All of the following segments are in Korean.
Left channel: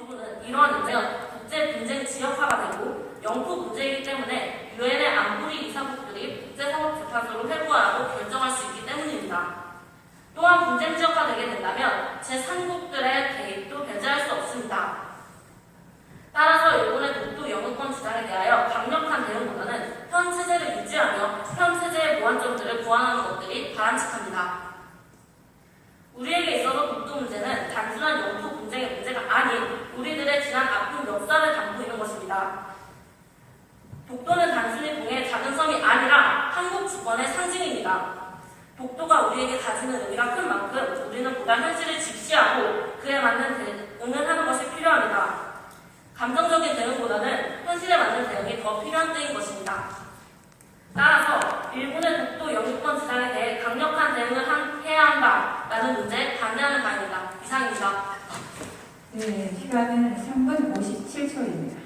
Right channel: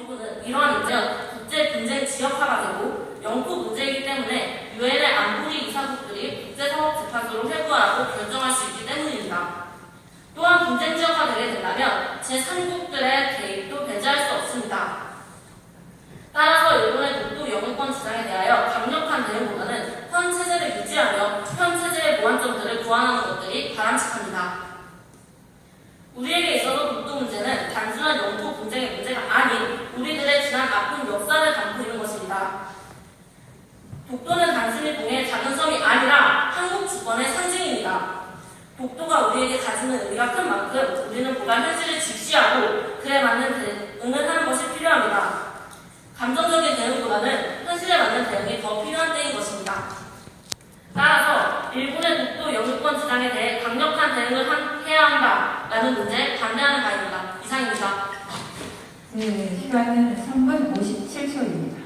정부는 이러한 문제는 국제 분쟁 지역화가 되고 영토 문제이기 때문에 유엔의 안보리 이사국들이 국제사법재판소로 회부하라고 결정할 수 있기 때문입니다. 또한 분쟁 지역화 되게 된다면 제3국들의 개입도 배제할 수 없습니다. 따라서 일본의 독도 영유권 주장에 대하여 강력한 대응보다는 현 체제를 유지하며 현 체제의 보완점들을 보완하는 것들이 바람직합니다. 우리에게 있어서 독도 문제는 단순한 영토 분쟁의 문제가 아닌 우리들의 지난 아픈 역사를 담고 있는 것입니다. 독도는 단순히 동해의 작은 섬이 아니라 한국 주권의 상징입니다. 독도가 우리에게 가지는 의미가 큰 만큼 우리는 보다 현실을 직시하고 그에 맞는 대응을 하는 것이 필요합니다. 감정적인 대응보다는 현실에 맞는 대응이 더 필요한 때인 것입니다. 따라서 일본의 독도 영유권 주장에 대해 강력한 대응을 해야 한다라는 문제에 반대하는 바입니다. 이상입니다. 네, 시간은 3분 57초입니다.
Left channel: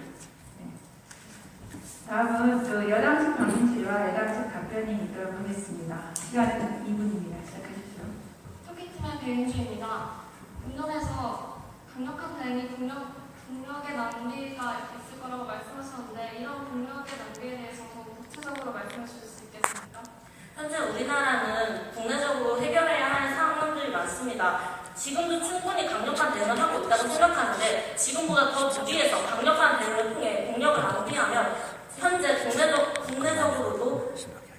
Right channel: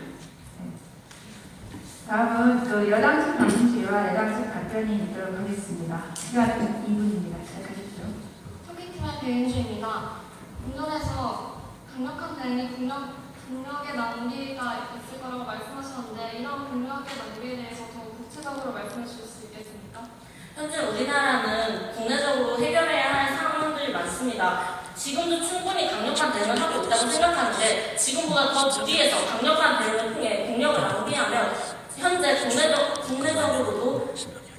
다음은 또 여당측 방문실과 여당측 답변이 있도록 하겠습니다. 시간은 2분입니다. 시작하십시오. 토끼팀의 배윤주입니다. 운전에서 강력한 대응이 국력의 낭비가 있을 거라고 말씀하셨는데 이런 국력의 낭비에 대해서 더 구체적으로 말씀해 주실 수 있겠습니까? 현재 우리나라는 국내적으로 해결해야 할 상황들이 많습니다. 지금도 충분히 강력한 대응을 하고 있다고 생각하는데 지금보다 더 무리해서 강력한 대응을 통해 국력을 낭비하며 현재 국내적으로도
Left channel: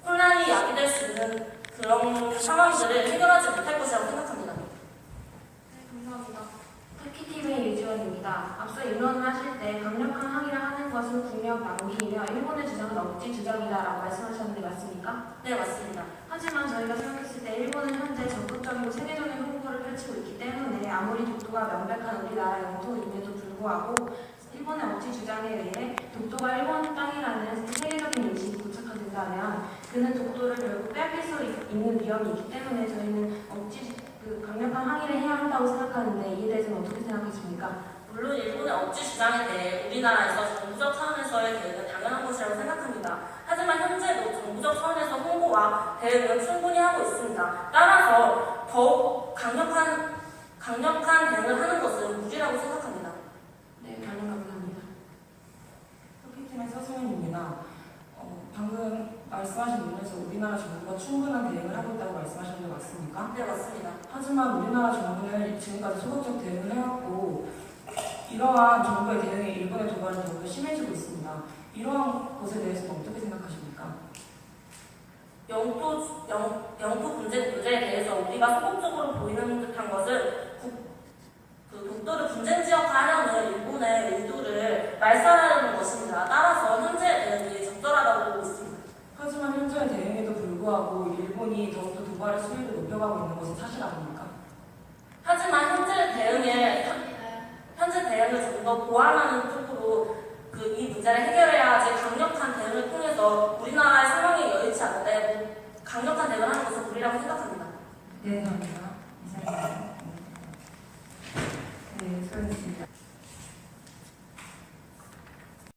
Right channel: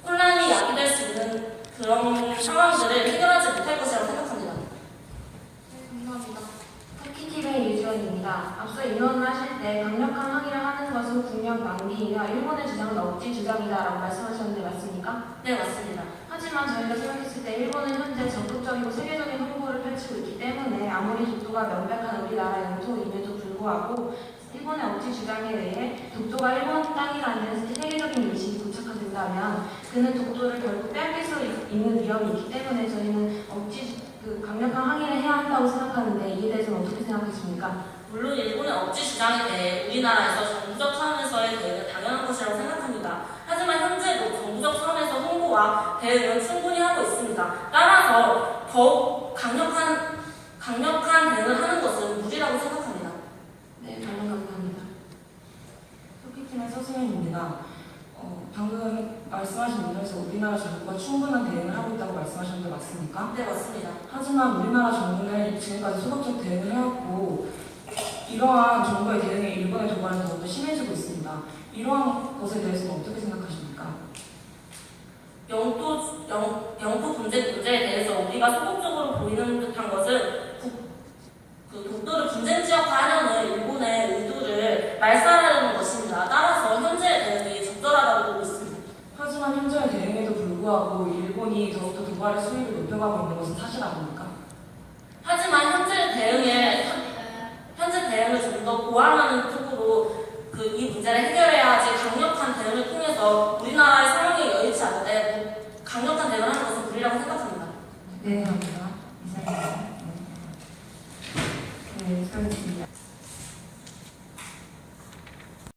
혼란이 야기될 수 있는 그런 상황들을 해결하지 못할 것이라고 생각합니다. 네, 감사합니다. 터키팀의 유지원입니다. 앞서 인원을 하실 때 강력한 항의를 하는 것은 국력 낭비이며 일본의 주장은 억지 주장이다라고 말씀하셨는데 맞습니까? 네, 맞습니다. 하지만 저희가 생각했을 때 일본은 현재 적극적이고 세계적인 홍보를 펼치고 있기 때문에 아무리 독도가 명백한 우리나라 영토임에도 불구하고 일본의 억지 주장에 의해 독도가 일본 땅이라는 세계적인 인식이 고착화된다면 그는 독도를 결국 뺏길 수 있는 위험이 있기 때문에 저희는 강력한 항의를 해야 한다고 생각하는데 이에 대해서는 어떻게 생각하십니까? 물론 일본의 억지 주장에 대해 우리나라에서 정부적 차원에서의 대응은 당연한 것이라고 생각합니다. 하지만 현재도 정부적 차원에서 홍보와 대응은 충분히 하고 있습니다. 따라서 더욱 강력한 대응을 하는 것은 무리라고 생각합니다. 네, 답변 감사합니다. 토끼팀의 서수연입니다. 방금 말씀하신 부분에서 우리나라 정부가 충분한 대응을 하고 있다고 말씀하셨는데 맞습니까? 네, 맞습니다. 하지만 우리나라 정부는 지금까지 소극적 대응을 해왔고 이러한 정부의 대응이 일본의 도발은 더욱더 심해지고 있습니다. 이러한 것에 대해서는 어떻게 생각하십니까? 영토 분쟁 문제에 대해서 우리가 소극적으로 보이는 듯한 것은 독도를 분쟁 지역화하려는 일본의 의도를 말살하려는 것입니다. 따라서 현재의 대응이 적절하다고 보고 있습니다. 하지만 현재의 대응에도 불구하고 일본이 더욱더 도발의 수위를 높여가고 있는 것은 사실 아닙니까? 하지만 현재 대응을 좀 더 보완하는 쪽으로 이 문제를 해결해야 하지 강력한 대응을 통해서 우리나라의 상황이 여의치 않은데 강력한 대응을 하는 것은 무리라고 생각합니다. 네, 감사합니다. 이상입니다.